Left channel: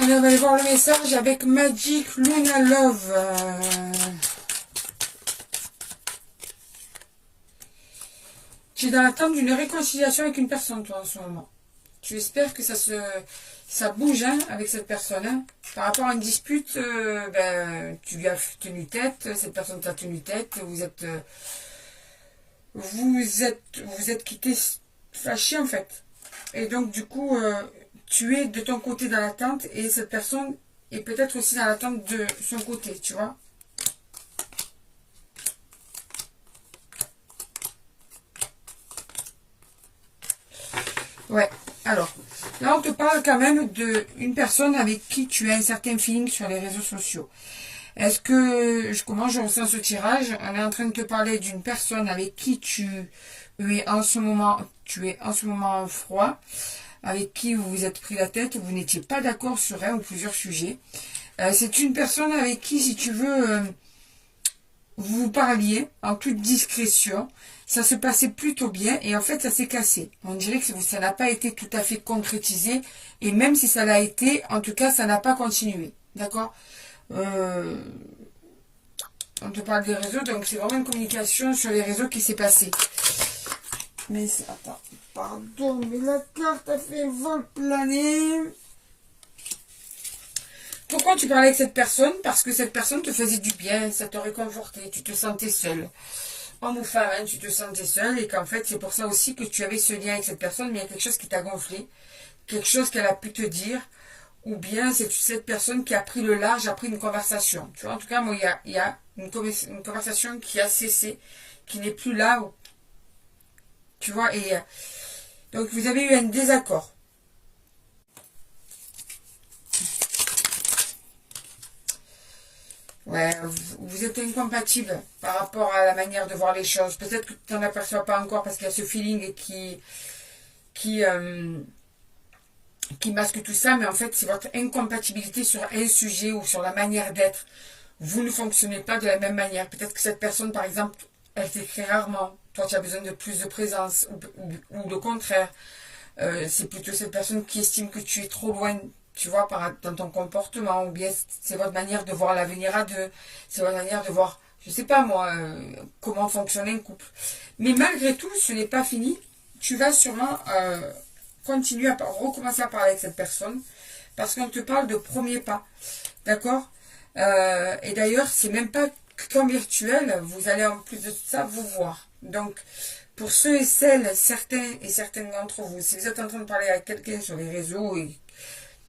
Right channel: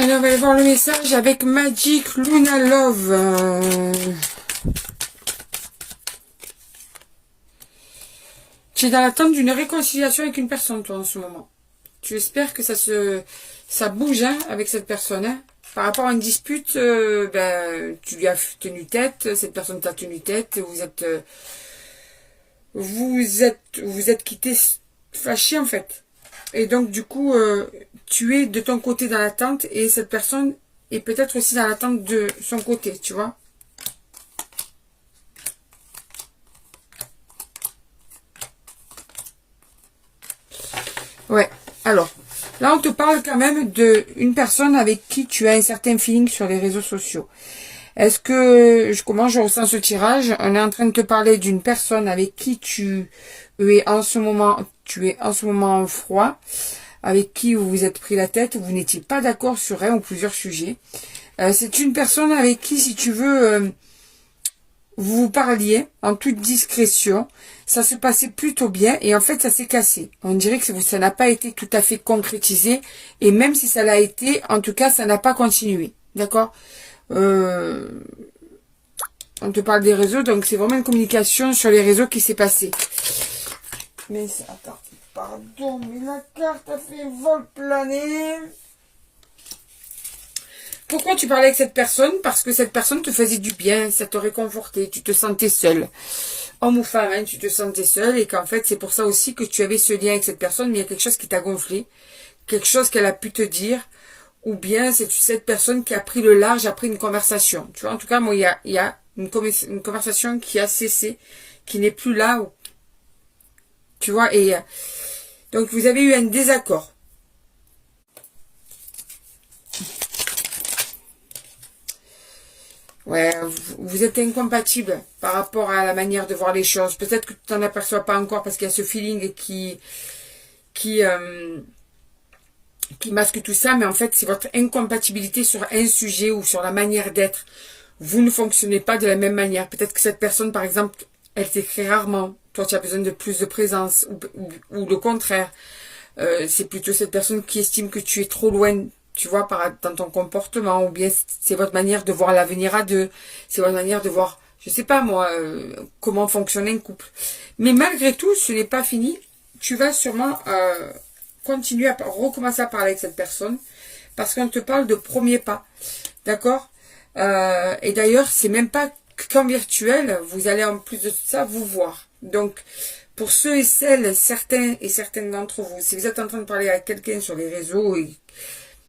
Allez, on va aller voir le message avec Magic Luna Love. Tu es dans l'attente d'une réconciliation avec une personne, toi, en ce moment. Tu espères que ça bouge hein, avec cette personne. Hein. Par rapport à une dispute, tu lui as tenu tête, cette personne t'a tenu tête, vous êtes quittés fâchés en fait. Et donc du coup, tu es de ton côté dans l'attente et cette personne est peut-être aussi dans l'attente de son côté, tu vois. Ouais, alors, là on te parle quand même d'une personne avec qui tu as un certain feeling sur les réseaux sociaux. Est-ce que, comment je ressens ce tirage? On est en train de te parler d'une personne avec qui tu es en ce moment froid, avec qui vous vous êtes pris la tête, vous n'étiez pas d'accord sur un ou plusieurs sujets. C'est une personne avec qui, si tu veux, vous vous parliez en toute discrétion, ça se passait plutôt bien et en fait ça s'est cassé. On dirait que ça n'a pas été tout à fait concrétisé et même si ça l'a été, en tout cas ça n'a pas continué. D'accord On te parle des réseaux, donc c'est vraiment une communication sur les réseaux qui s'est passée. Mais attends, pardon, mais la carte a fait un vol plané. Pourquoi tu parlais avec cette personne? Parce que cette personne te faisait du bien, ça te réconfortait, tu te sentais seul. Homme ou femme, hein, tu te sentais seul et qu'en fait c'est pour ça aussi que tu avais ce lien avec cette personne, mais il y a quelque chose qui t'a gonflé, quelque chose qu'elle a pu te dire, ou bien c'est cette personne qui a pris le large après une conversation. Tu vois, en tout cas, moi, il y a une conversation qui a cessé, qui n'est plus là, tu vois, et donc vous avez eu un désaccord. Ouais, vous êtes incompatibles par rapport à la manière de voir les choses. Peut-être que tu t'en aperçois pas encore parce qu'il y a ce feeling qui, qui masque tout ça, mais en fait, c'est votre incompatibilité sur un sujet ou sur la manière d'être. Vous ne fonctionnez pas de la même manière. Peut-être que cette personne, par exemple, elle t'écrit rarement. Toi, tu as besoin de plus de présence ou le contraire. C'est plutôt cette personne qui estime que tu es trop loin, tu vois, dans ton comportement, ou bien c'est votre manière de voir l'avenir à deux, c'est votre manière de voir, je sais pas moi, comment fonctionne un couple. Mais malgré tout, ce n'est pas fini. Tu vas sûrement continuer à recommencer à parler avec cette personne, parce qu'on te parle de premier pas, d'accord? Et d'ailleurs, c'est même pas qu'en virtuel, vous allez en plus de tout ça vous voir. Donc, pour ceux et celles, certains et certaines d'entre vous, si vous êtes en train de parler à quelqu'un sur les réseaux et